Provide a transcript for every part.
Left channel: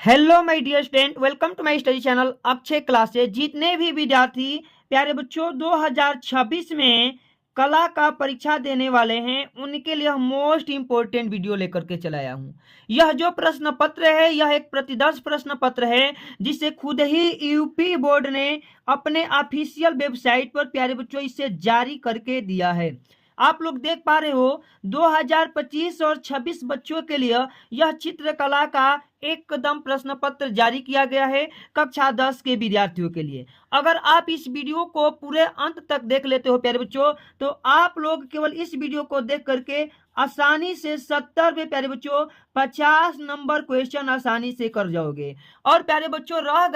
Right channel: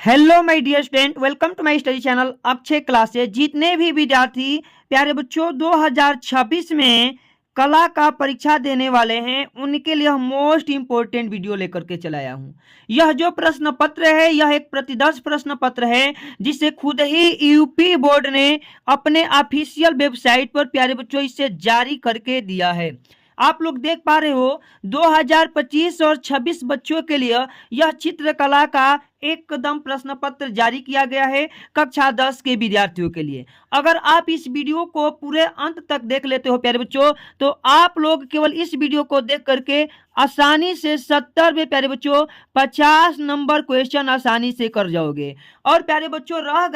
Hello my dear student, welcome to my study channel Akshay classes. जितने भी विद्यार्थी प्यारे बच्चों 2026 में कला का परीक्षा देने वाले हैं उनके लिए मोस्ट इंपोर्टेंट वीडियो लेकर के चलाया हूं। यह जो प्रश्न पत्र है यह एक प्रतिदर्श प्रश्न पत्र है जिसे खुद ही यूपी बोर्ड ने अपने ऑफिशियल वेबसाइट पर प्यारे बच्चों इसे जारी करके दिया है। आप लोग देख पा रहे हो 2025 और 26 बच्चों के लिए यह चित्रकला का एकदम प्रश्न पत्र जारी किया गया है कक्षा 10 के विद्यार्थियों के लिए। अगर आप इस वीडियो को पूरे अंत तक देख लेते हो प्यारे बच्चों तो आप लोग केवल इस वीडियो को देख करके आसानी से 70 में प्यारे बच्चों 50 नंबर क्वेश्चन आसानी से कर जाओगे। और प्यारे बच्चों रह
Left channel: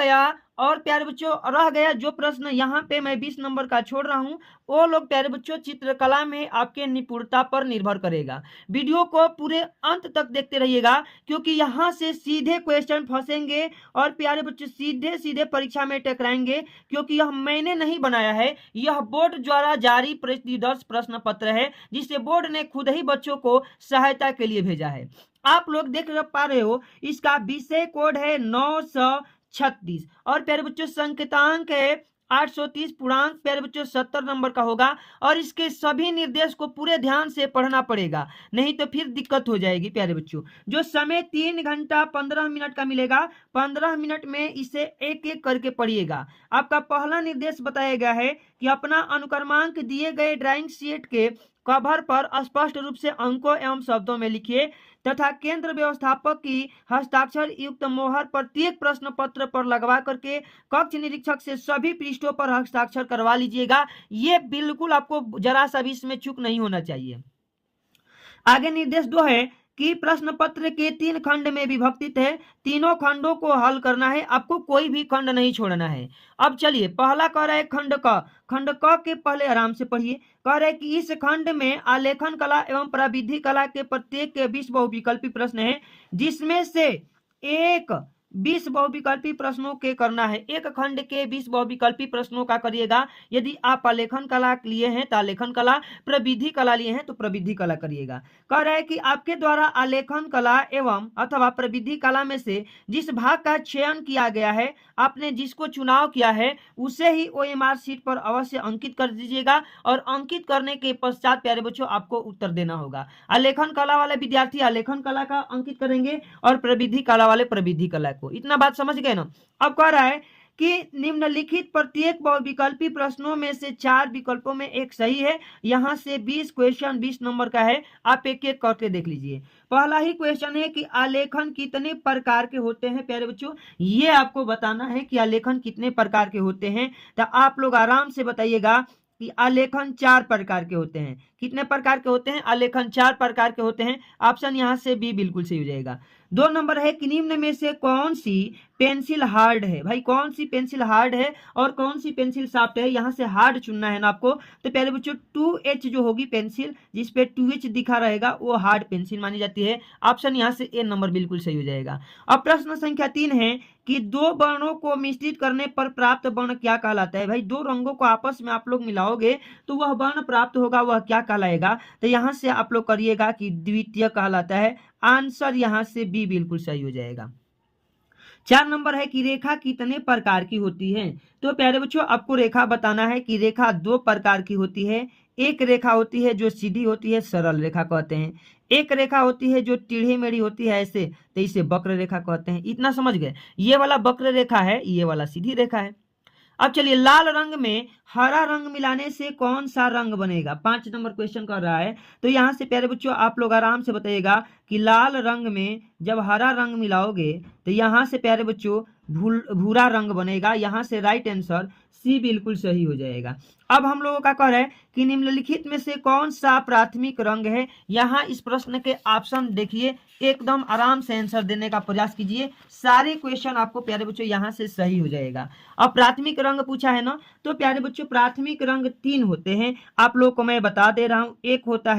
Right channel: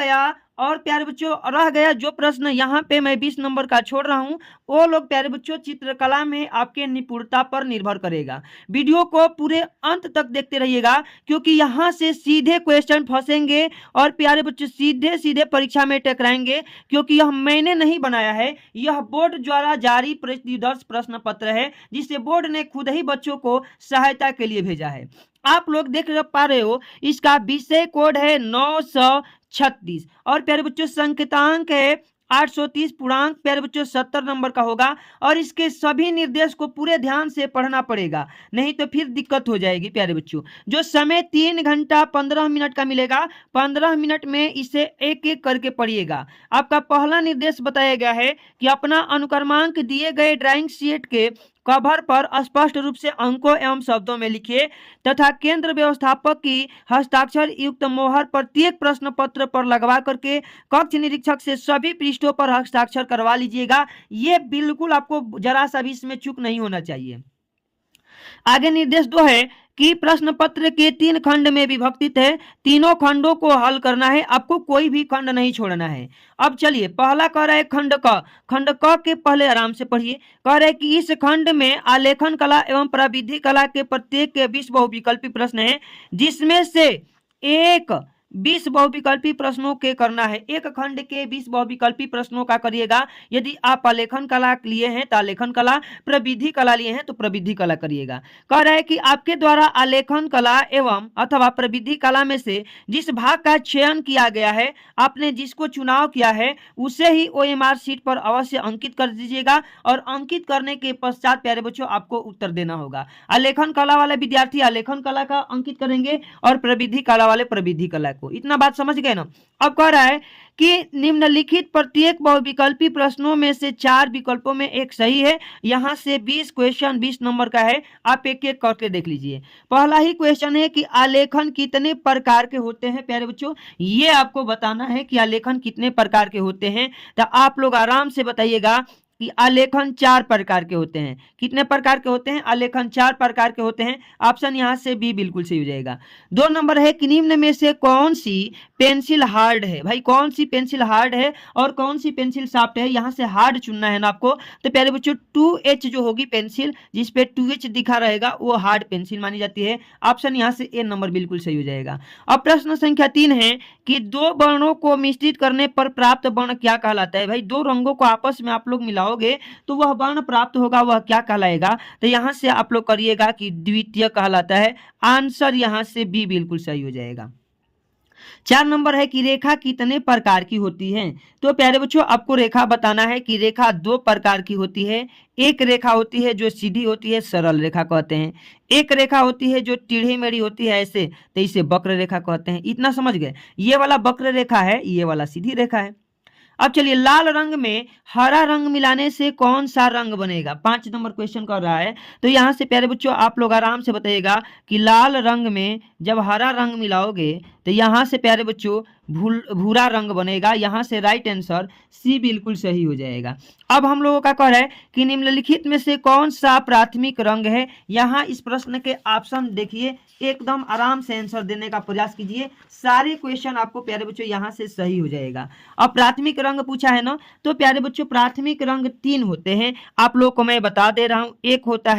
गया जो प्रश्न यहाँ पे मैं 20 नंबर का छोड़ रहा हूँ वो लोग प्यारे बच्चों चित्रकला में आपके निपुणता पर निर्भर करेगा। वीडियो को पूरे अंत तक देखते रहिएगा क्योंकि यहाँ से सीधे क्वेश्चन फंसेंगे और प्यारे बच्चों सीधे सीधे परीक्षा में टकराएंगे, क्योंकि यह मैंने नहीं बनाया है, यह बोर्ड द्वारा जारी प्रतिदर्श प्रश्न पत्र है जिसे बोर्ड ने खुद ही बच्चों को सहायता के लिए भेजा है। आप लोग देख पा रहे हो इसका विषय कोड है 936 और प्यारे बच्चों संकेतांक है 830, पूर्णांक प्यारे बच्चों 70 नंबर का होगा। और इसके सभी निर्देश को पूरे ध्यान से पढ़ना पड़ेगा, नहीं तो फिर दिक्कत हो जाएगी प्यारे बच्चों। जो समय 3 घंटा 15 मिनट का मिलेगा, 15 मिनट में इसे एक एक करके पढ़िएगा। आपका पहला निर्देश बताया गया है कि अपना अनुक्रमांक दिए गए ड्राइंग शीट के कवर पर स्पष्ट रूप से अंकों एवं शब्दों में लिखिए तथा केंद्र व्यवस्थापक की हस्ताक्षर युक्त मोहर प्रत्येक प्रश्न पत्र पर लगवा करके कक्ष निरीक्षक से सभी पृष्ठों पर हस्ताक्षर करवा लीजिएगा। ये बिल्कुल आपको जरा सा भी इसमें चूक नहीं होना चाहिए। आगे निर्देश 2 है कि प्रश्न पत्र के 3 खंड में विभक्तित है, तीनों खंडों को हल करना है, आपको कोई भी खंड नहीं छोड़ना है। अब चलिए पहला कह रहा है खंड क के पहले आराम से पढ़िए। कह रहा है कि इस खंड में आलेखन कला एवं प्रविधि कला के प्रत्येक के 20 बहुविकल्पी प्रश्न है जिसमें से एक 20 बहुविकल्पी प्रश्नों के करना है। एक खंड के 20 बहुविकल्पी प्रश्नों का करिएगा। यदि आप आलेखन कला लिए हैं तो आलेखन कला, प्रविधि कला लिए हैं तो प्रविधि कला करिएगा। कह रहा है कि आपके द्वारा आलेखन कला एवं अथवा प्रविधि कला में से जिस भाग का चयन किया गया है, आपने जिसको चुनाव किया है उसे ही OMR शीट पर अवश्य अंकित कर दीजिएगा और अंकित करने के पश्चात प्यारे बच्चों आपको उत्तर देना होगा। आलेखन कला वाले विद्यार्थी आलेखन कला का अंकित करेंगे और प्रविधि कला वाले प्रविधि कला को। इतना बात समझ गए ना। अब कह रहा है कि निम्नलिखित प्रत्येक बहुविकल्पी प्रश्नों में से 4 विकल्पों में एक सही है। यहां से 20 क्वेश्चन 20 नंबर का है, आप एक एक करके देख लीजिए। पहला ही क्वेश्चन है कि आलेखन कितने प्रकार के होते हैं प्यारे बच्चों, ये आपको बताना है कि आलेखन कितने प्रकार के होते हैं। तो आप लोग आराम से बताइएगा कि आलेखन 4 प्रकार के होते हैं। कितने प्रकार के होते हैं? आलेखन 4 प्रकार के होते हैं। ऑप्शन यहां से बी बिल्कुल सही हो जाएगा। 2 नंबर है कि निम्न में से कौन सी पेंसिल हार्ड है। भाई कौन सी पेंसिल हार्ड है और कौन सी पेंसिल सॉफ्ट है, यहां से हार्ड चुनना है ना आपको। तो प्यारे बच्चों 2H जो होगी पेंसिल जिसपे 2H दिखा रहेगा वो हार्ड पेंसिल मानी जाती है। ऑप्शन यहां से ए नंबर बिल्कुल सही हो जाएगा। अब प्रश्न संख्या 3 है कि 2 वर्णों को मिश्रित करने पर प्राप्त वर्ण क्या कहलाता है। भाई 2 रंगों को आपस में आप लोग मिलाओगे तो वह वर्ण प्राप्त होगा, वह क्या कहलाएगा। तो यहां से आप लोग करिएगा कि द्वितीय कहलाता है। आंसर यहां से बी बिल्कुल सही हो जाएगा। 4 नंबर है कि रेखा कितने प्रकार की होती है। तो प्यारे बच्चों आपको रेखा बताना है कि रेखा 2 प्रकार की होती है। एक रेखा होती है जो सीधी होती है, सरल रेखा कहते हैं। एक रेखा होती है जो टेढ़ी मेढ़ी होती है ऐसे, तो इसे वक्र रेखा कहते हैं। इतना समझ गए। ये वाला वक्र रेखा है, ये वाला सीधी रेखा है। अब चलिए लाल रंग में हरा रंग मिलाने से कौन सा रंग बनेगा। 5 नंबर क्वेश्चन कर रहा है। तो यहां से प्यारे बच्चों आप लोग आराम से बताइएगा कि लाल रंग में जब हरा रंग मिलाओगे तो यहां से प्यारे बच्चों भूरा रंग बनेगा। यहां से राइट आंसर सी बिल्कुल सही हो जाएगा। अब हम लोगों का कह रहा है कि निम्नलिखित में से कौन सा प्राथमिक रंग है। यहाँ इस प्रश्न के ऑप्शन देखिए, एकदम आराम से आंसर देने का प्रयास कीजिए। सारे क्वेश्चन आपको प्यारे बच्चों यहाँ से सही हो जाएगा। अब प्राथमिक रंग पूछा है ना, तो प्यारे बच्चों प्राथमिक रंग 3 होते हैं। आप लोगों को मैं बता दे रहा हूँ। एक होता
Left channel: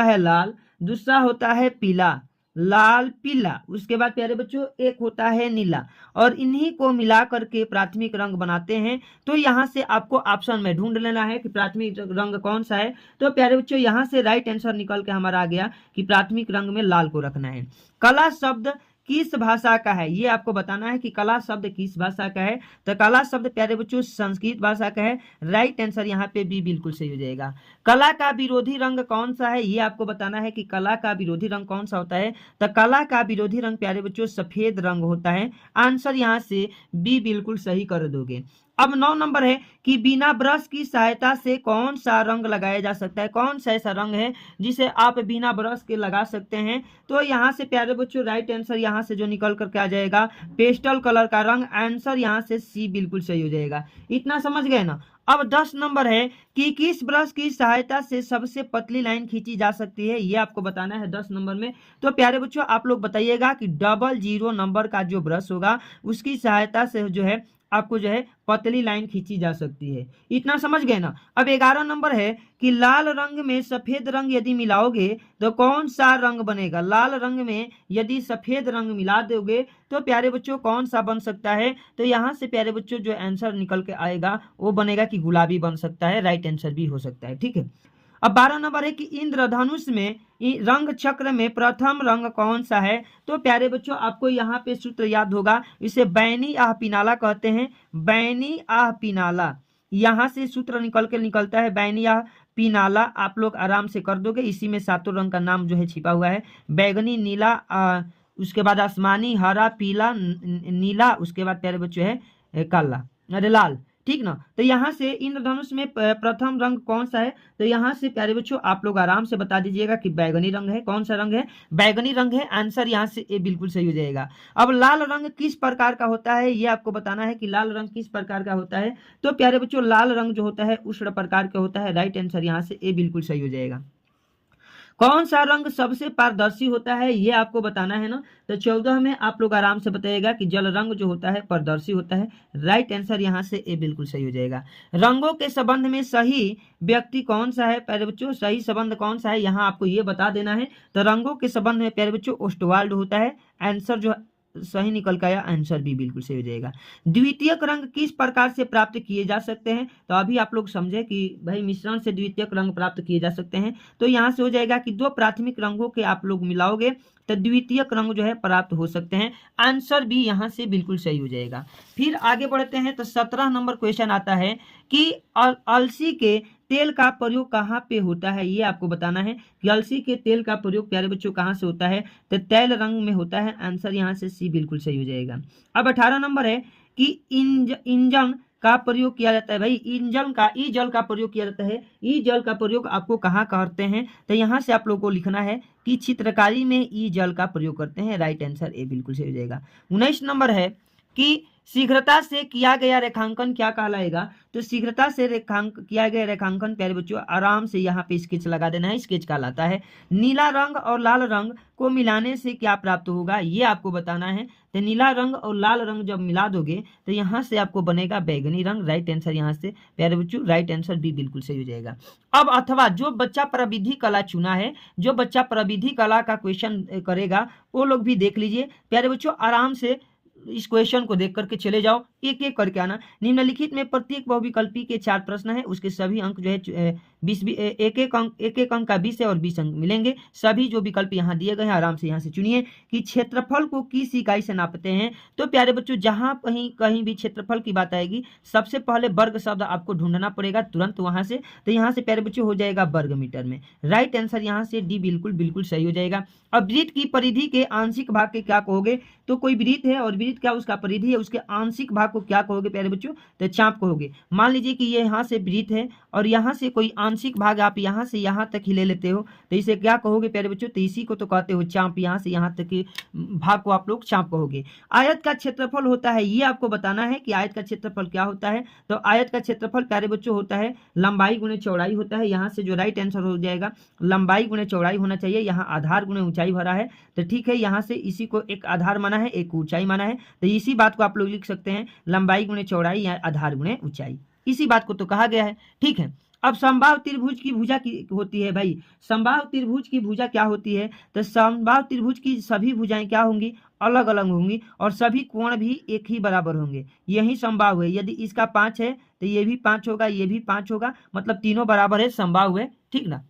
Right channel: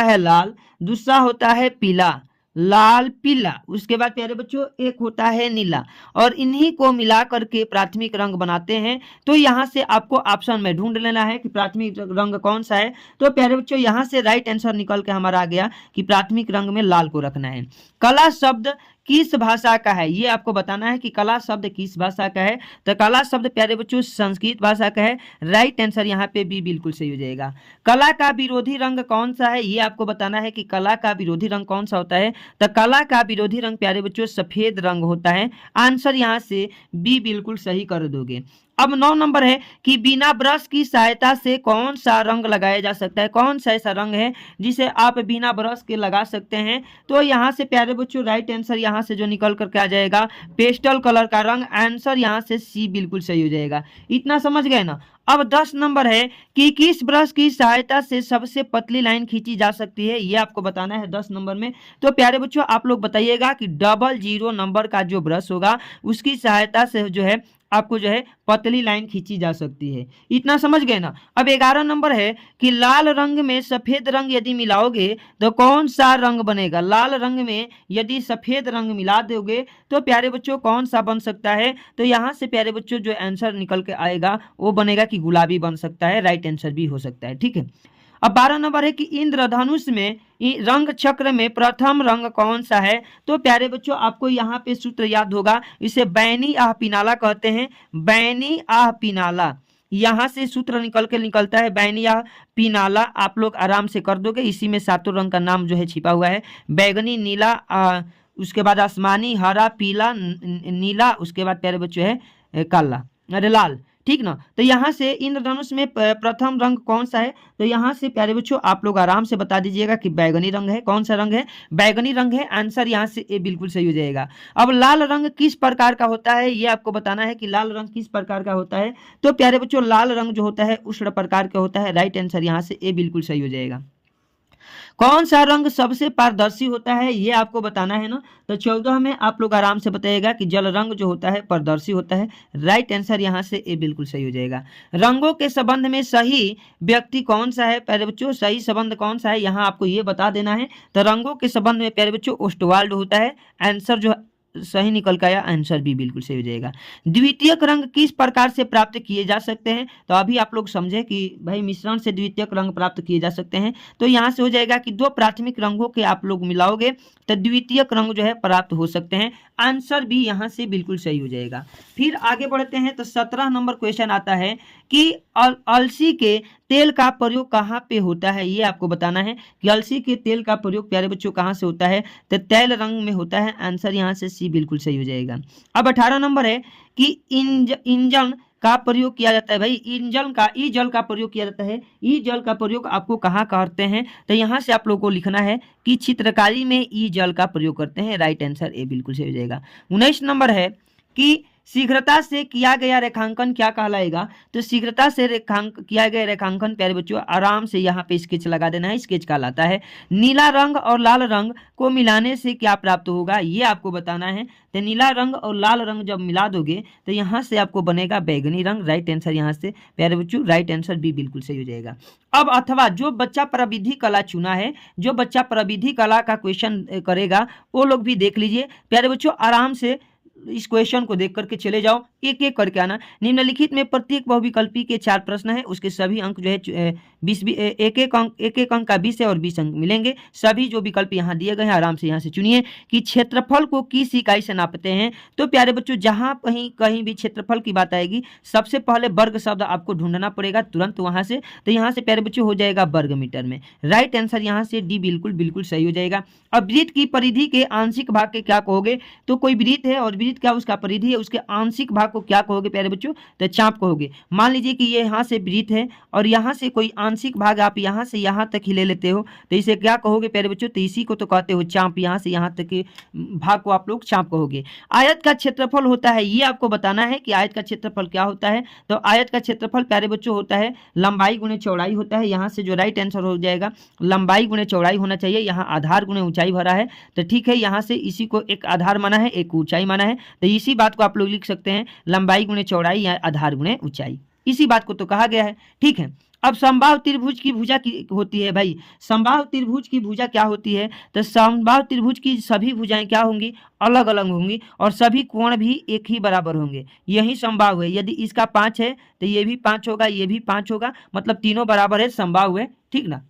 है लाल, दूसरा होता है पीला, लाल पीला, उसके बाद प्यारे बच्चों एक होता है नीला, और इन्हीं को मिला करके प्राथमिक रंग बनाते हैं। तो यहाँ से आपको ऑप्शन में ढूंढ लेना है कि प्राथमिक रंग कौन सा है। तो प्यारे बच्चों यहाँ से राइट आंसर निकल के हमारा आ गया कि प्राथमिक रंग में लाल को रखना है। कला शब्द किस भाषा का है, ये आपको बताना है कि कला शब्द किस भाषा का है। तो कला शब्द प्यारे बच्चों संस्कृत भाषा का है। राइट आंसर यहाँ पे बी बिल्कुल सही हो जाएगा। कला का विरोधी रंग कौन सा है, ये आपको बताना है कि कला का विरोधी रंग कौन सा होता है। तो कला का विरोधी रंग प्यारे बच्चों सफेद रंग होता है। आंसर यहाँ से बी बिल्कुल सही कर दोगे। अब 9 नंबर है कि बिना ब्रश की सहायता से कौन सा रंग लगाया जा सकता है। कौन सा ऐसा रंग है जिसे आप बिना ब्रश के लगा सकते हैं। तो यहाँ से प्यारे बच्चों राइट आंसर यहाँ से जो निकल करके आ जाएगा पेस्टल कलर का रंग। आंसर यहाँ से सी बिल्कुल सही हो जाएगा। इतना समझ गए ना। अब 10 नंबर है कि किस ब्रश की सहायता से सबसे पतली लाइन खींची जा सकती है, ये आपको बताना है 10 नंबर में। तो प्यारे बच्चों आप लोग बताइएगा कि 00 नंबर का जो ब्रश होगा उसकी सहायता से जो है आपको जो है पतली लाइन खींची जा सकती है। इतना समझ गए ना। अब 11 नंबर है कि लाल रंग में सफेद रंग यदि मिलाओगे तो कौन सा रंग बनेगा। लाल रंग में यदि सफेद रंग मिला दोगे तो प्यारे बच्चों कौन सा बन सकता है। तो यहाँ से प्यारे बच्चों जो आंसर निकल के आएगा वो बनेगा कि गुलाबी बन सकता है। राइट आंसर भी हो सकता है। ठीक है। अब 12 नंबर है कि इंद्रधनुष में रंग चक्र में प्रथम रंग कौन सा है। तो प्यारे बच्चों आपको यहाँ पे सूत्र याद होगा, इसे बैनी आह पिनाला कहते हैं। बैनी आह पिनाला, यहाँ से सूत्र निकलता है बैनी आह पिनाला। आप लोग आराम से कर दोगे। इसी में सातों रंग का नाम जो है छिपा हुआ है। बैगनी, नीला, उसके बाद आसमानी, हरा, पीला, नीला, उसके बाद प्यारे बच्चों है काला, अरे लाल। ठीक ना। तो यहाँ से इंद्रधनुष में प्रथम रंग कौन सा है। तो यहाँ से प्यारे बच्चों आप लोग आराम से बता दीजिएगा कि बैगनी रंग है। कौन सा रंग है, बैगनी रंग है। आंसर यहाँ से ए बिल्कुल सही हो जाएगा। अब लाल रंग किस प्रकार का होता है, ये आपको बताना है कि लाल रंग किस प्रकार का होता है। तो प्यारे बच्चों लाल रंग जो होता है उष्ण प्रकार का होता है। राइट आंसर यहाँ से ए बिल्कुल सही हो जाएगा। कौन सा रंग सबसे पारदर्शी होता है, ये आपको बताना है ना। तो 14 में आप लोग आराम से बताइएगा कि जल रंग जो होता है पारदर्शी होता है। राइट आंसर यहाँ से ए बिल्कुल सही हो जाएगा। रंगों के संबंध में सही व्यक्ति कौन सा है प्यारे बच्चों, सही संबंध कौन सा है यहाँ आपको ये बता देना है। तो रंगों के संबंध में प्यारे बच्चों ओस्टवाल्ड होता है। आंसर जो सही निकल का आया, आंसर भी बिल्कुल सही हो जाएगा। द्वितीयक रंग किस प्रकार से प्राप्त किए जा सकते हैं। तो अभी आप लोग समझे कि भाई मिश्रण से द्वितीयक रंग प्राप्त किए जा सकते हैं। तो यहाँ से हो जाएगा कि दो प्राथमिक रंगों के आप लोग मिलाओगे तो द्वितीयक रंग जो है प्राप्त हो सकते हैं। आंसर भी यहाँ से बिल्कुल सही हो जाएगा। फिर आगे बढ़ते हैं तो 17 नंबर क्वेश्चन आता है कि अलसी के तेल का प्रयोग कहाँ पे होता है। ये आपको बताना है कि अलसी के तेल का प्रयोग प्यारे बच्चों कहाँ से होता है। तो तैल रंग में होता है। आंसर यहाँ से सी बिल्कुल सही हो जाएगा। अब 18 नंबर है कि इंजन का प्रयोग किया जाता है। भाई इंजन का ई जल का प्रयोग किया जाता है। ई जल का प्रयोग आपको कहाँ करते हैं। तो यहाँ से आप लोगों को लिखना है कि चित्रकारी में ई जल का प्रयोग करते हैं। राइट आंसर ए बिल्कुल सही हो जाएगा। 19 नंबर है कि शीघ्रता से किया गया रेखांकन क्या कहलाएगा। तो शीघ्रता से किया गया रेखांकन प्यारे बच्चों आराम से यहाँ पे स्केच लगा देना है। स्केच कहलाता है। नीला रंग और लाल रंग को मिलाने से क्या प्राप्त होगा, ये आपको बताना है। तो नीला रंग और लाल रंग जब मिला दोगे तो यहाँ से आपको बनेगा बैगनी रंग। राइट आंसर यहाँ से प्यारे बच्चों राइट आंसर भी बिल्कुल सही हो जाएगा। अब अथवा जो बच्चा प्रविधि कला चुना है, जो बच्चा प्रविधि कला का क्वेश्चन करेगा वो लोग भी देख लीजिए प्यारे बच्चों। आराम से इस क्वेश्चन को देख करके चले जाओ, एक एक करके आना। निम्नलिखित में प्रत्येक बहुविकल्पी के 4 प्रश्न है, उसके सभी अंक जो है 20 एक एक अंक का 20 है और 20 अंक मिलेंगे। सभी जो विकल्प यहाँ दिए गए हैं आराम से यहाँ से चुनिए कि क्षेत्रफल को किस इकाई से नापते हैं। तो प्यारे बच्चों जहाँ कहीं भी क्षेत्रफल की बात आएगी सबसे पहले वर्ग शब्द आपको ढूंढना पड़ेगा तुरंत वहां से। तो यहाँ से प्यारे बच्चों हो जाएगा वर्ग मीटर में। राइट आंसर यहाँ से डी बिल्कुल सही हो जाएगा। अब वृत्त की परिधि के आंशिक भाग के क्या कहोगे। तो कोई वृत्त है और वृत्त क्या उसका परिधि है, उसके आंशिक भाग को क्या कहोगे प्यारे बच्चों। तो चाप कहोगे। मान लीजिए कि ये यहाँ से वृत्त है और यहाँ से कोई आंशिक भाग आप यहाँ से यहाँ तक ही ले लेते हो तो इसे क्या कहोगे प्यारे बच्चों। तो इसी को तो कहते हो चाप। यहाँ से यहाँ तक के भाग को आप लोग चाप कहोगे। आयत का क्षेत्रफल होता है, ये आपको बताना है कि आयत का क्षेत्रफल क्या होता है। तो आयत का क्षेत्रफल प्यारे बच्चों होता है लंबाई गुणे चौड़ाई होता है। यहाँ से जो राइट आंसर हो जाएगा लंबाई गुणे चौड़ाई होना चाहिए। यहाँ आधार गुणे ऊंचाई भरा है तो ठीक है। यहाँ से इसी को एक आधार माना है एक ऊंचाई माना है। तो इसी बात को आप लोग लिख सकते हैं लंबाई गुणे चौड़ाई या आधार गुणे ऊंचाई। इसी बात को तो कहा गया है। ठीक है। अब समबाहु त्रिभुज की भुजा की होती है। भाई समबाहु त्रिभुज की भुजा क्या होती है। तो समबाहु त्रिभुज की सभी भुजाएं क्या होंगी, अलग अलग होंगी और सभी कोण भी एक ही बराबर होंगे। यही समबाहु है। यदि इसका 5 है तो ये भी 5 होगा, ये भी 5 होगा, मतलब तीनों बराबर है, समबाहु है। ठीक ना।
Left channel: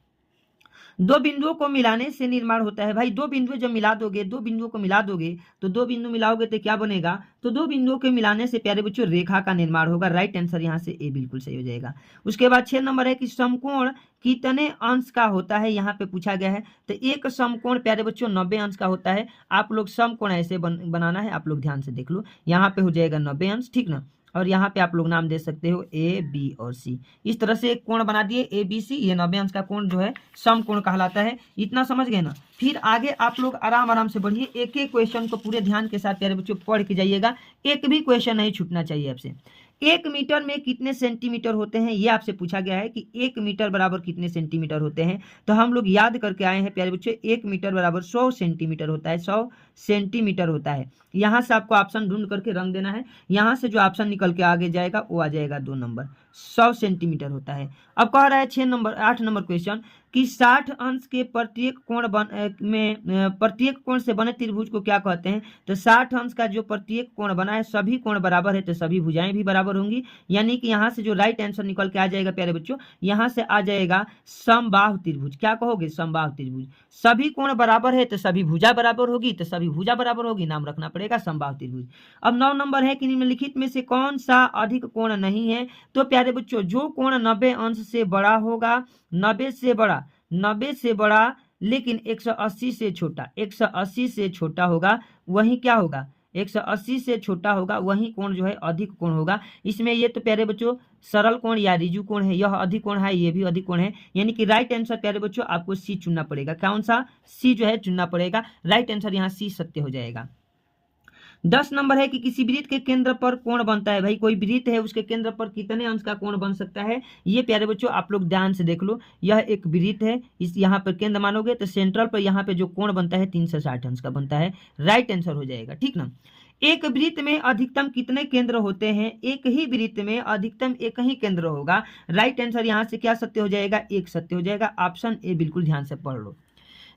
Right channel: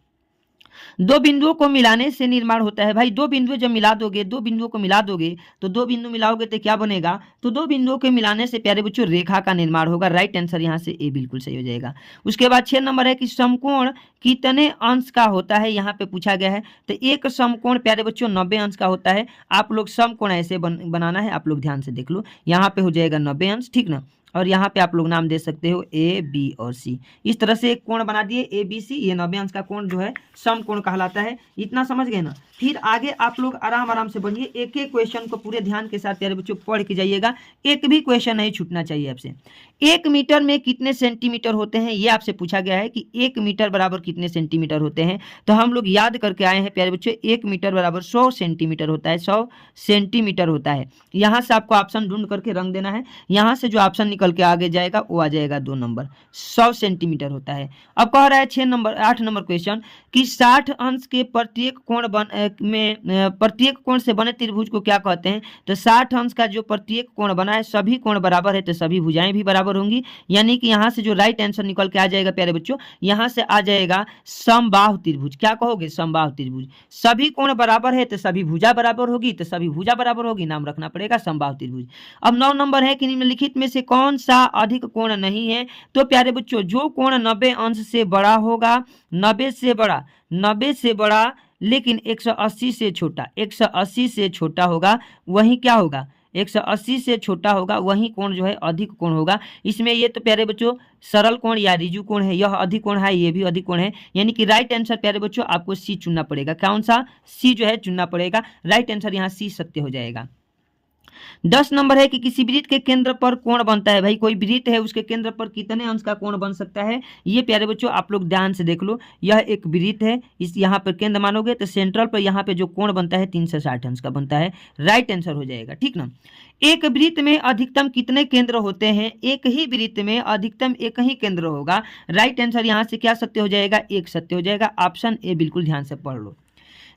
दो बिंदुओं को मिलाने से निर्माण होता है। भाई दो बिंदु जब मिला दोगे, दो बिंदुओं को मिला दोगे तो दो बिंदु मिलाओगे तो क्या बनेगा, तो दो बिंदुओं के मिलाने से प्यारे बच्चों रेखा का निर्माण होगा। राइट आंसर यहाँ से ए बिल्कुल सही हो जाएगा। उसके बाद 6 नंबर है कि समकोण कितने अंश का होता है, यहाँ पे पूछा गया है। तो एक समकोण प्यारे बच्चों 90 अंश का होता है। आप लोग समकोण ऐसे बनाना है, आप लोग ध्यान से देख लो। यहाँ पे हो जाएगा 90 अंश, ठीक ना। और यहाँ पे आप लोग नाम दे सकते हो ए, बी और सी। इस तरह से एक कोण बना दिए ए, बी, सी। ये 90 अंश का कोण जो है समकोण कहलाता है। इतना समझ गए ना। फिर आगे आप लोग आराम आराम से बढ़िए, एक एक क्वेश्चन को पूरे ध्यान के साथ प्यारे बच्चों पढ़ के जाइएगा। एक भी क्वेश्चन नहीं छूटना चाहिए आपसे। 1 मीटर में कितने सेंटीमीटर होते हैं, ये आपसे पूछा गया है कि 1 मीटर बराबर कितने सेंटीमीटर होते हैं। तो हम लोग याद करके आए हैं प्यारे बच्चों, 1 मीटर बराबर 100 सेंटीमीटर होता है। 100 सेंटीमीटर होता है। यहाँ से आपको ऑप्शन ढूंढ करके रंग देना है। यहाँ से जो ऑप्शन निकल के आगे जाएगा वो आ जाएगा 2 नंबर। 100 सेंटीमीटर होता है। अब कह रहा है 8 नंबर क्वेश्चन कि 60 अंश के प्रत्येक कोण से बने त्रिभुज को क्या कहते हैं। तो 60 अंश का जो प्रत्येक कोण बना है, सभी कोण बराबर है तो सभी भुजाएं भी बराबर होंगी। यानी कि यहाँ से जो राइट आंसर निकल के आ जाएगा प्यारे बच्चों, यहाँ से आ जाएगा समबाहु त्रिभुज। क्या कहोगे, समबाहु त्रिभुज। सभी कोण बराबर है तो सभी भुजा बराबर होगी, तो सभी भुजा बराबर होगी, नाम रखना पड़ेगा समबाहु त्रिभुज। अब 9 नंबर है कि निम्नलिखित में से कौन सा अधिक कोण नहीं है। तो प्यारे बच्चों जो कोण 90 अंश से बड़ा होगा, 90 से बड़ा लेकिन 180 से छोटा, 180 से छोटा होगा, वही क्या होगा, 180 से छोटा होगा, वही कोण जो है अधिक कोण होगा। इसमें ये तो प्यारे बच्चों सरल कोण या रिजु कोण है, यह अधिक कोण है, ये भी अधिक कोण है। यानी कि राइट आंसर प्यारे बच्चों आपको सी चुनना पड़ेगा। कौन सा, सी जो है चुनना पड़ेगा। राइट आंसर यहाँ सी सत्य हो जाएगा। 10 नंबर है कि किसी वृत्त के केंद्र पर कोण बनता है। भाई कोई वृत्त है, उसके केंद्र पर कितने अंश का कोण बन सकता है। ये प्यारे बच्चों आप लोग ध्यान से देख लो। यह एक वृत्त है, इस यहाँ पर केंद्र मानोगे तो सेंट्रल पर यहाँ पे जो कोण बनता है 360 अंश का बनता है। राइट आंसर हो जाएगा, ठीक ना। एक वृत्त में अधिकतम कितने केंद्र होते हैं। एक ही वृत्त में अधिकतम एक ही केंद्र होगा। राइट आंसर यहाँ से क्या सत्य हो जाएगा, एक सत्य हो जाएगा। ऑप्शन ए बिल्कुल ध्यान से पढ़ लो।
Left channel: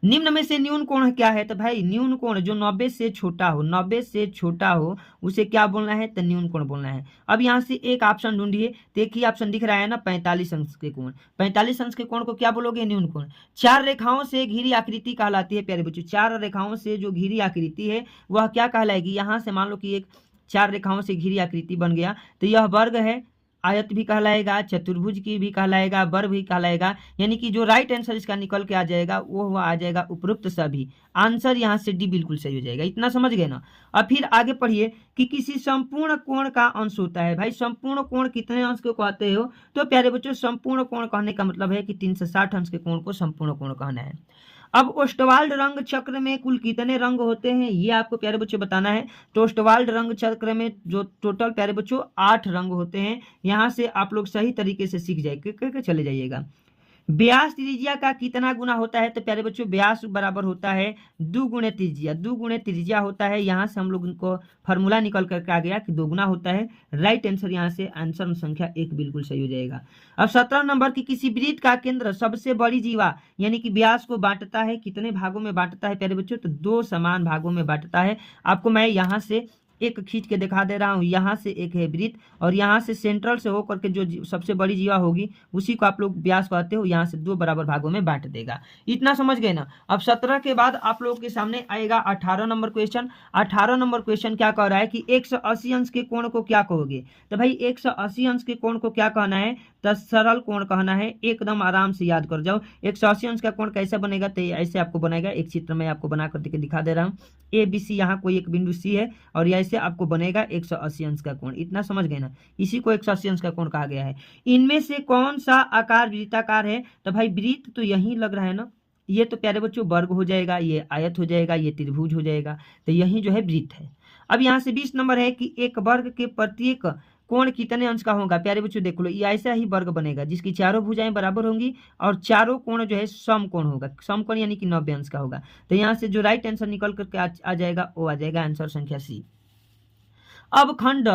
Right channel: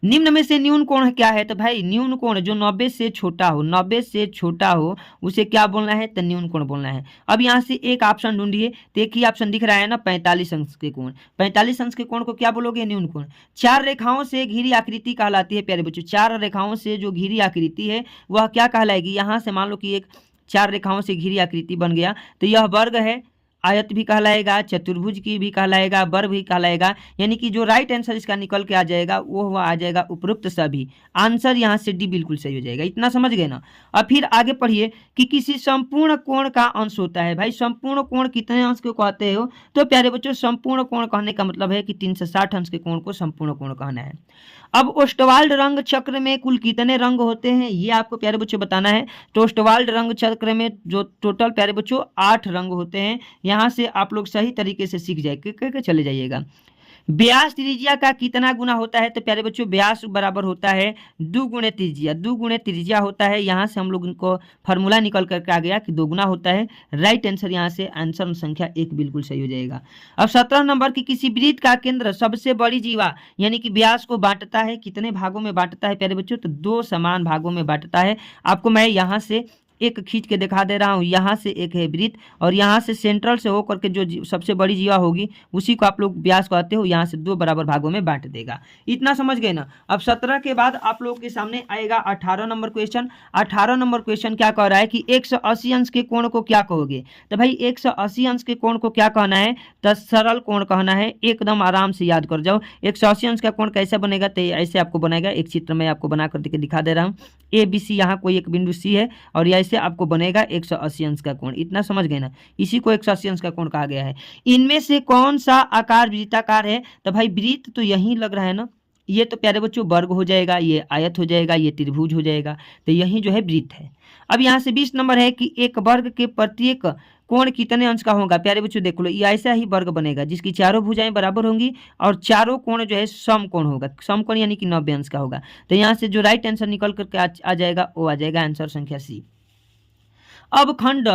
निम्न में से न्यून कोण क्या है। तो भाई न्यून कोण जो 90 से छोटा हो, 90 से छोटा हो, उसे क्या बोलना है, तो न्यून कोण बोलना है। अब यहाँ से एक ऑप्शन ढूंढिए, तो एक ही ऑप्शन दिख रहा है ना, 45 अंश के कोण। 45 अंश के कोण को क्या बोलोगे, न्यून कोण। 4 रेखाओं से घिरी आकृति कहलाती है प्यारे बच्चों। 4 रेखाओं से जो घिरी आकृति है वह क्या कहलाएगी। यहाँ से मान लो कि एक 4 रेखाओं से घिरी आकृति बन गया, तो यह वर्ग है, आयत भी कहलाएगा, चतुर्भुज की भी कहलाएगा, वर्ग भी कहलाएगा। यानी कि जो राइट आंसर इसका निकल के आ जाएगा वो आ जाएगा उपरोक्त सभी। आंसर यहाँ से डी बिल्कुल सही हो जाएगा। इतना समझ गए ना। अब फिर आगे पढ़िए कि किसी संपूर्ण कोण का अंश होता है। भाई संपूर्ण कोण कितने अंश को कहते हो। तो प्यारे बच्चों संपूर्ण कोण कहने का मतलब है कि 360 अंश के कोण को संपूर्ण कोण कहना है। अब ओस्टवाल्ड रंग चक्र में कुल कितने रंग होते हैं, ये आपको प्यारे बच्चों बताना है। तो ओस्टवाल्ड रंग चक्र में जो टोटल प्यारे बच्चों 8 रंग होते हैं। यहाँ से आप लोग सही तरीके से सीख जाए चले जाइएगा। व्यास त्रिज्या का कितना गुना होता है। तो प्यारे बच्चों व्यास बराबर होता है 2 गुणे त्रिज्या। 2 गुणे त्रिज्या होता है। यहाँ से हम लोग इनको फार्मूला निकल करके आ गया कि 2 गुना होता है। राइट आंसर यहाँ से आंसर संख्या 1 बिल्कुल सही हो जाएगा। अब 17 नंबर की किसी वृत्त का केंद्र सबसे बड़ी जीवा यानी कि व्यास को बांटता है, कितने भागों में बांटता है प्यारे बच्चों, तो 2 समान भागों में बांटता है। आपको मैं यहाँ से एक खींच के दिखा दे रहा हूँ। यहाँ से एक है वृत्त और यहाँ से सेंट्रल से होकर के जो सबसे बड़ी जीवा होगी उसी को आप लोग व्यास कहते हो। यहाँ से 2 बराबर भागों में बांट देगा। इतना समझ गए ना। अब 17 के बाद आप लोगों के सामने आएगा 18 नंबर क्वेश्चन। 18 नंबर क्वेश्चन क्या कह रहा है कि 180 अंश के कोण को क्या कहोगे। तो भाई 180 अंश के कोण को क्या कहना है, तो सरल कोण कहना है। एकदम आराम से याद कर जाओ। 180 अंश का कोण कैसे बनेगा, तो ऐसे आपको बनेगा। एक चित्र में आपको बना करके दिखा दे रहा हूँ। ए बी सी, यहाँ कोई एक बिंदु सी है और ऐसे आपको बनेगा 180 अंश का कोण। इतना समझ गए ना। इसी को 180 अंश का कोण कहा गया है। इनमें से कौन सा आकार वृत्ताकार है। तो भाई वृत्त तो यही लग रहा है ना। ये तो प्यारे बच्चों वर्ग हो जाएगा, ये आयत हो जाएगा, ये त्रिभुज हो जाएगा। तो यही जो है वृत्त है। अब यहाँ से 20 नंबर है कि एक वर्ग के प्रत्येक कोण कितने अंश का होगा। प्यारे बच्चों देख लो, ये ऐसा ही वर्ग बनेगा जिसकी चारों भुजाएं बराबर होंगी और चारों कोण जो है समकोण होगा। समकोण यानी कि 90 अंश का होगा। तो यहाँ से जो राइट आंसर निकल करके आ जाएगा वो आ जाएगा आंसर संख्या सी। अब खंड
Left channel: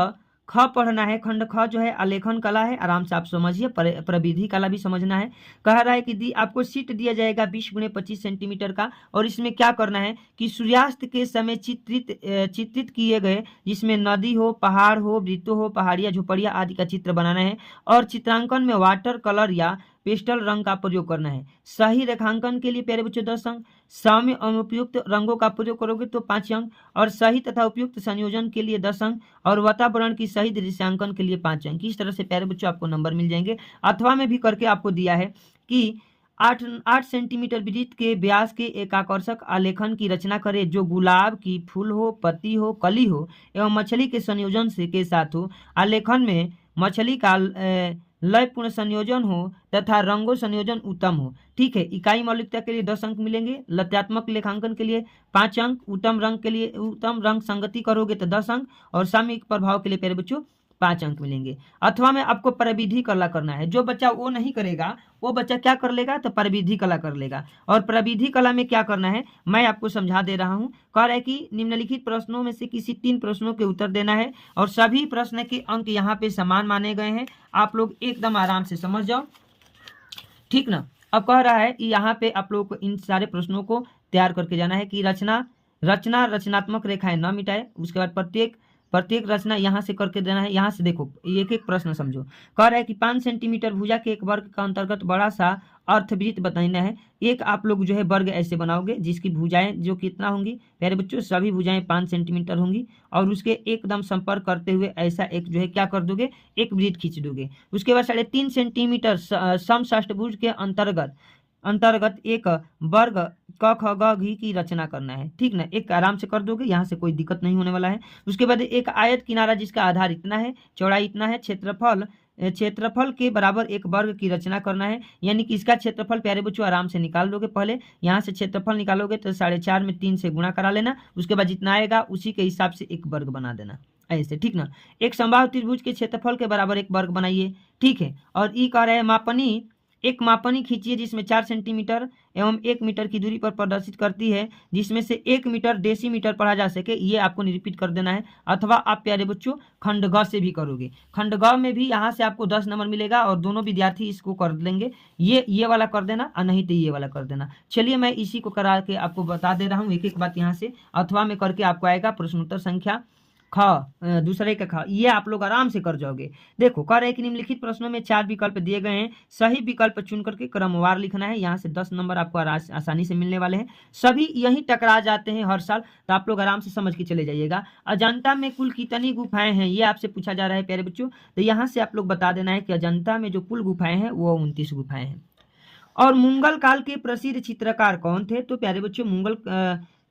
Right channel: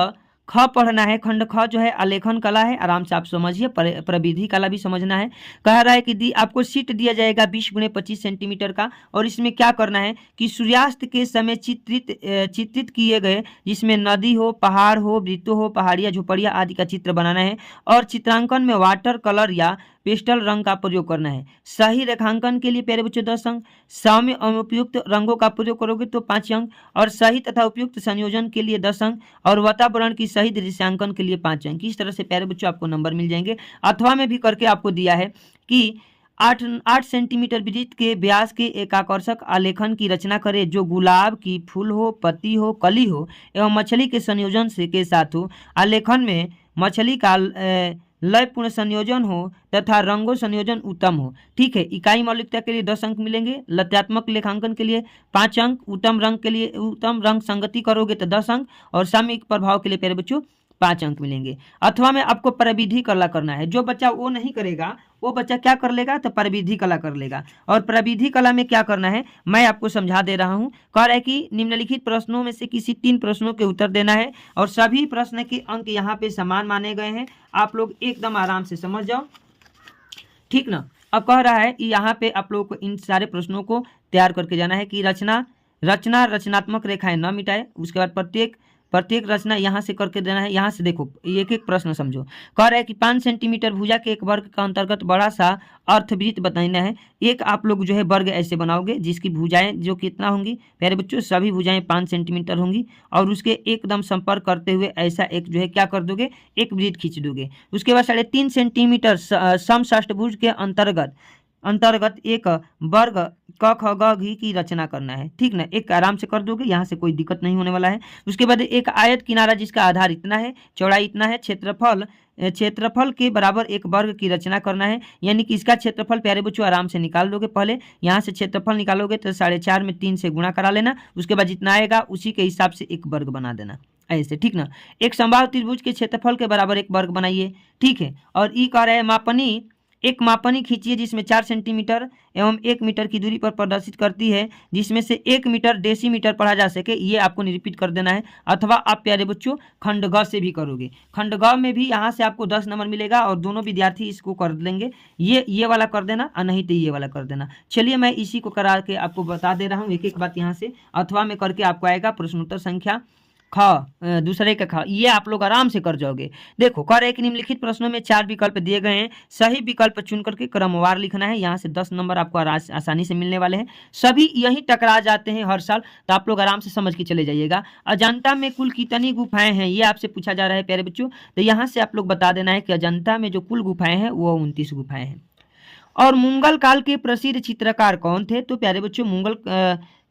ख पढ़ना है। खंड ख जो है आलेखन कला है। आराम से आप समझिए। प्रविधि कला भी समझना है। कह रहा है कि आपको शीट दिया जाएगा 20 गुणे 25 सेंटीमीटर का और इसमें क्या करना है कि सूर्यास्त के समय चित्रित किए गए, जिसमें नदी हो, पहाड़ हो, वृत्त हो, पहाड़ियाँ, झोपड़ियाँ आदि का चित्र बनाना है और चित्रांकन में वाटर कलर या पेस्टल रंग का प्रयोग करना है। सही रेखांकन के लिए प्यारे बच्चों 10 अंक, साम्य एवं उपयुक्त रंगों का प्रयोग करोगे तो 5 अंक, और सही तथा उपयुक्त संयोजन के लिए 10 अंक, और वातावरण की सही दृश्यांकन के लिए 5 अंक। इस तरह से प्यारे बच्चों आपको नंबर मिल जाएंगे। अथवा में भी करके आपको दिया है कि 8 सेंटीमीटर वृत्त के व्यास के एक आकर्षक आलेखन की रचना करें जो गुलाब की फूल हो, पत्ती हो, कली हो एवं मछली के संयोजन से के साथ हो। आलेखन में मछली का लयपूर्ण संयोजन हो तथा रंगों संयोजन उत्तम हो। ठीक है। इकाई मौलिकता के लिए 10 अंक मिलेंगे, लत्यात्मक लेखांकन के लिए 5 अंक, उत्तम रंग के लिए उत्तम रंग संगति करोगे तो 10 अंक, और सामयिक प्रभाव के लिए प्यारे बच्चों 5 अंक मिलेंगे। अथवा में आपको प्रविधि कला करना है। जो बच्चा वो नहीं करेगा वो बच्चा क्या कर लेगा, तो प्रविधि कला कर लेगा। और प्रविधि कला में क्या करना है मैं आपको समझा दे रहा हूँ। कह रहा है कि निम्नलिखित प्रश्नों में से किसी 3 प्रश्नों के उत्तर देना है, और सभी प्रश्न के अंक यहाँ पे समान माने गए हैं। आप लोग एकदम आराम से समझ जाओ, ठीक ना। अब कह रहा है कि यहाँ पे आप लोग को इन सारे प्रश्नों को तैयार करके जाना है कि रचनात्मक रेखाएं न मिटाए। उसके बाद प्रत्येक रचना यहाँ से करके देना है। यहाँ से देखो एक एक प्रश्न समझो। कह रहा है कि 5 सेंटीमीटर भुजा के एक वर्ग का अंतर्गत बड़ा सा अर्थवृत्त बताना है। एक आप लोग जो है वर्ग ऐसे बनाओगे जिसकी भुजाएं जो कितना होंगी प्यारे बच्चों, सभी भुजाएं 5 सेंटीमीटर होंगी, और उसके एकदम संपर्क करते हुए ऐसा एक जो है क्या कर दोगे, एक वृत्त खींच दोगे। उसके बाद 3.5 सेंटीमीटर समषष्टभुज के अंतर्गत एक वर्ग क ख ग घ की रचना करना है। ठीक ना, एक आराम से कर दोगे, यहाँ से कोई दिक्कत नहीं होने वाला है। उसके बाद एक आयत किनारा जिसका आधार इतना है, चौड़ाई इतना है, क्षेत्रफल के बराबर एक वर्ग की रचना करना है। यानी कि इसका क्षेत्रफल प्यारे बच्चों आराम से निकाल दोगे। पहले यहाँ से क्षेत्रफल निकालोगे तो 4.5 में 3 से गुणा करा लेना। उसके बाद जितना आएगा उसी के हिसाब से एक वर्ग बना देना ऐसे। ठीक ना, एक समबाहु त्रिभुज के क्षेत्रफल के बराबर एक वर्ग बनाइए। ठीक है। और ई कह रहा है एक मापनी खींचिए जिसमें 4 सेंटीमीटर एवं 1 मीटर की दूरी पर प्रदर्शित करती है, जिसमें से 1 मीटर डेसीमीटर पढ़ा जा सके। ये आपको निरूपित कर देना है। अथवा आप प्यारे बच्चों खंड ग से भी करोगे। खंड ग में भी यहाँ से आपको 10 नंबर मिलेगा, और दोनों विद्यार्थी इसको कर लेंगे। ये वाला कर देना और नहीं तो ये वाला कर देना। चलिए मैं इसी को करा के आपको बता दे रहा हूँ एक एक बात। यहाँ से अथवा में करके आपको आएगा प्रश्नोत्तर संख्या ख, दूसरे का ख। ये आप लोग आराम से कर जाओगे। देखो कर एक निम्नलिखित प्रश्नों में 4 विकल्प दिए गए हैं, सही विकल्प चुन करके क्रमवार लिखना है। यहाँ से 10 नंबर आपको आसानी से मिलने वाले हैं। सभी यही टकरा जाते हैं हर साल, तो आप लोग आराम से समझ के चले जाइएगा। अजंता में कुल कितनी गुफाएं हैं ये आपसे पूछा जा रहा है प्यारे बच्चों। तो यहाँ से आप लोग बता देना है कि अजंता में जो कुल गुफाएं हैं वो 29 गुफाएं हैं। और मुगल काल के प्रसिद्ध चित्रकार कौन थे, तो प्यारे बच्चों मुगल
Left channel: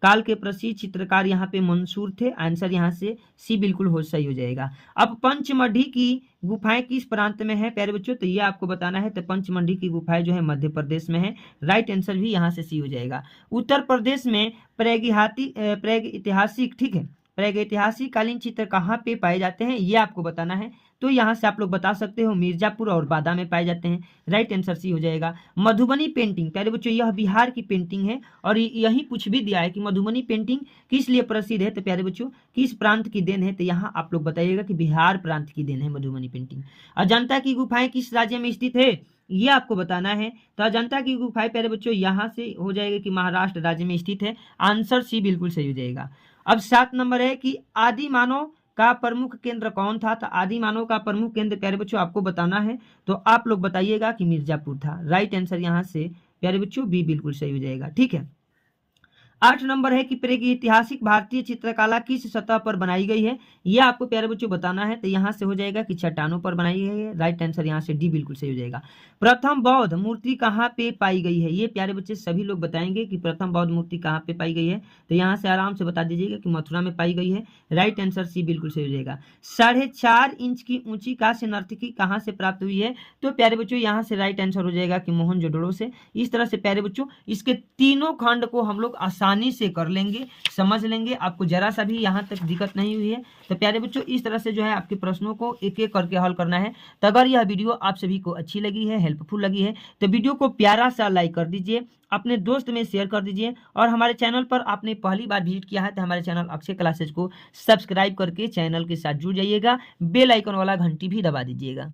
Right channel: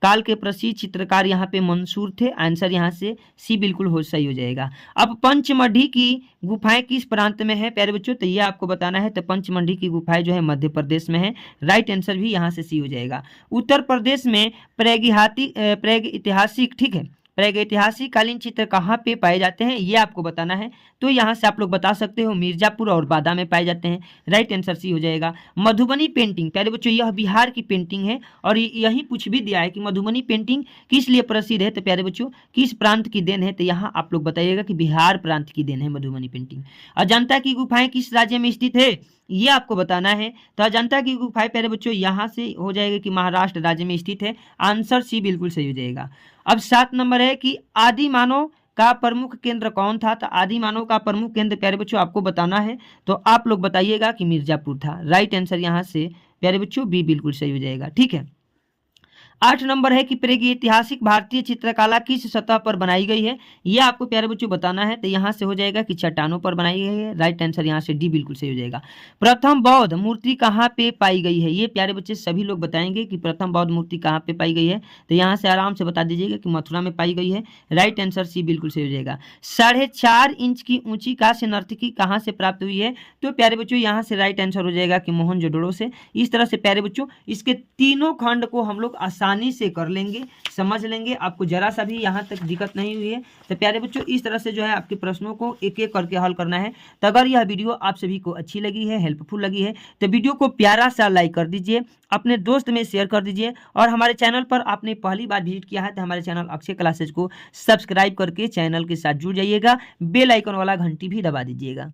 काल के प्रसिद्ध चित्रकार यहाँ पे मंसूर थे। आंसर यहाँ से सी बिल्कुल हो सही हो जाएगा। अब पंचमढ़ी की गुफाएं किस प्रांत में है प्यारे बच्चों, तो ये आपको बताना है। तो पंचमढ़ी की गुफाएं जो है मध्य प्रदेश में है। राइट आंसर भी यहाँ से सी हो जाएगा। उत्तर प्रदेश में प्रागैतिहासिक, ठीक है, प्रागैतिहासिक कालीन चित्र कहाँ पे पाए जाते हैं ये आपको बताना है। तो यहाँ से आप लोग बता सकते हो मिर्जापुर और बादा में पाए जाते हैं। राइट आंसर सी हो जाएगा। मधुबनी पेंटिंग प्यारे बच्चों यह बिहार की पेंटिंग है, और यही पूछ भी दिया है कि मधुबनी पेंटिंग किस लिए प्रसिद्ध है, तो प्यारे बच्चों किस प्रांत की देन है, तो यहाँ आप लोग बताइएगा कि बिहार प्रांत की देन है मधुबनी पेंटिंग। अजंता की गुफाएं किस राज्य में स्थित है ये आपको बताना है। तो अजंता की गुफाएं प्यारे बच्चों यहाँ से हो जाएगा कि महाराष्ट्र राज्य में स्थित है। आंसर सी बिल्कुल सही हो जाएगा। अब 7 नंबर है कि आदि मानव का प्रमुख केंद्र कौन था, तो आदि मानव का प्रमुख केंद्र प्यारे बच्चों आपको बताना है। तो आप लोग बताइएगा कि मिर्जापुर था। राइट आंसर यहाँ से प्यारे बच्चों बी बिल्कुल सही हो जाएगा। ठीक है। 8 नंबर है कि प्रागैतिहासिक भारतीय चित्रकला किस सतह पर बनाई गई है यह आपको प्यारे बच्चों बताना है। तो यहाँ से हो जाएगा कि चट्टानों पर बनाई गई है। राइट आंसर यहाँ से डी बिल्कुल सही हो जाएगा। प्रथम बौद्ध मूर्ति कहाँ पे पाई गई है ये प्यारे बच्चे सभी लोग बताएंगे कि प्रथम बौद्ध मूर्ति कहाँ पे पाई गई है। तो यहाँ से आराम से बता दीजिएगा कि मथुरा में पाई गई है। राइट आंसर सी बिल्कुल सही हो जाएगा। 4.5 इंच की ऊंची कांस्य नर्तकी कहाँ से प्राप्त हुई है, तो प्यारे बच्चों यहाँ से राइट आंसर हो जाएगा कि मोहनजोदड़ो से। इस तरह से प्यारे बच्चों इसके तीनों खंड को हम लोग आसानी से कर लेंगे, समझ लेंगे। आपको जरा सा भी यहाँ तक दिक्कत नहीं हुई है। तो प्यारे बच्चों इस तरह से जो है आपके प्रश्नों को एक एक करके हल करना है। तो अगर यह वीडियो आप सभी को अच्छी लगी है, हेल्पफुल लगी है, तो वीडियो को प्यारा सा लाइक कर दीजिए, अपने दोस्त में शेयर कर दीजिए, और हमारे चैनल पर आपने पहली बार विजिट किया है तो हमारे चैनल अक्षय क्लासेज को सब्सक्राइब करके चैनल के साथ जुड़ जाइएगा। बेल आइकन वाला घंटी भी दबा दीजिएगा।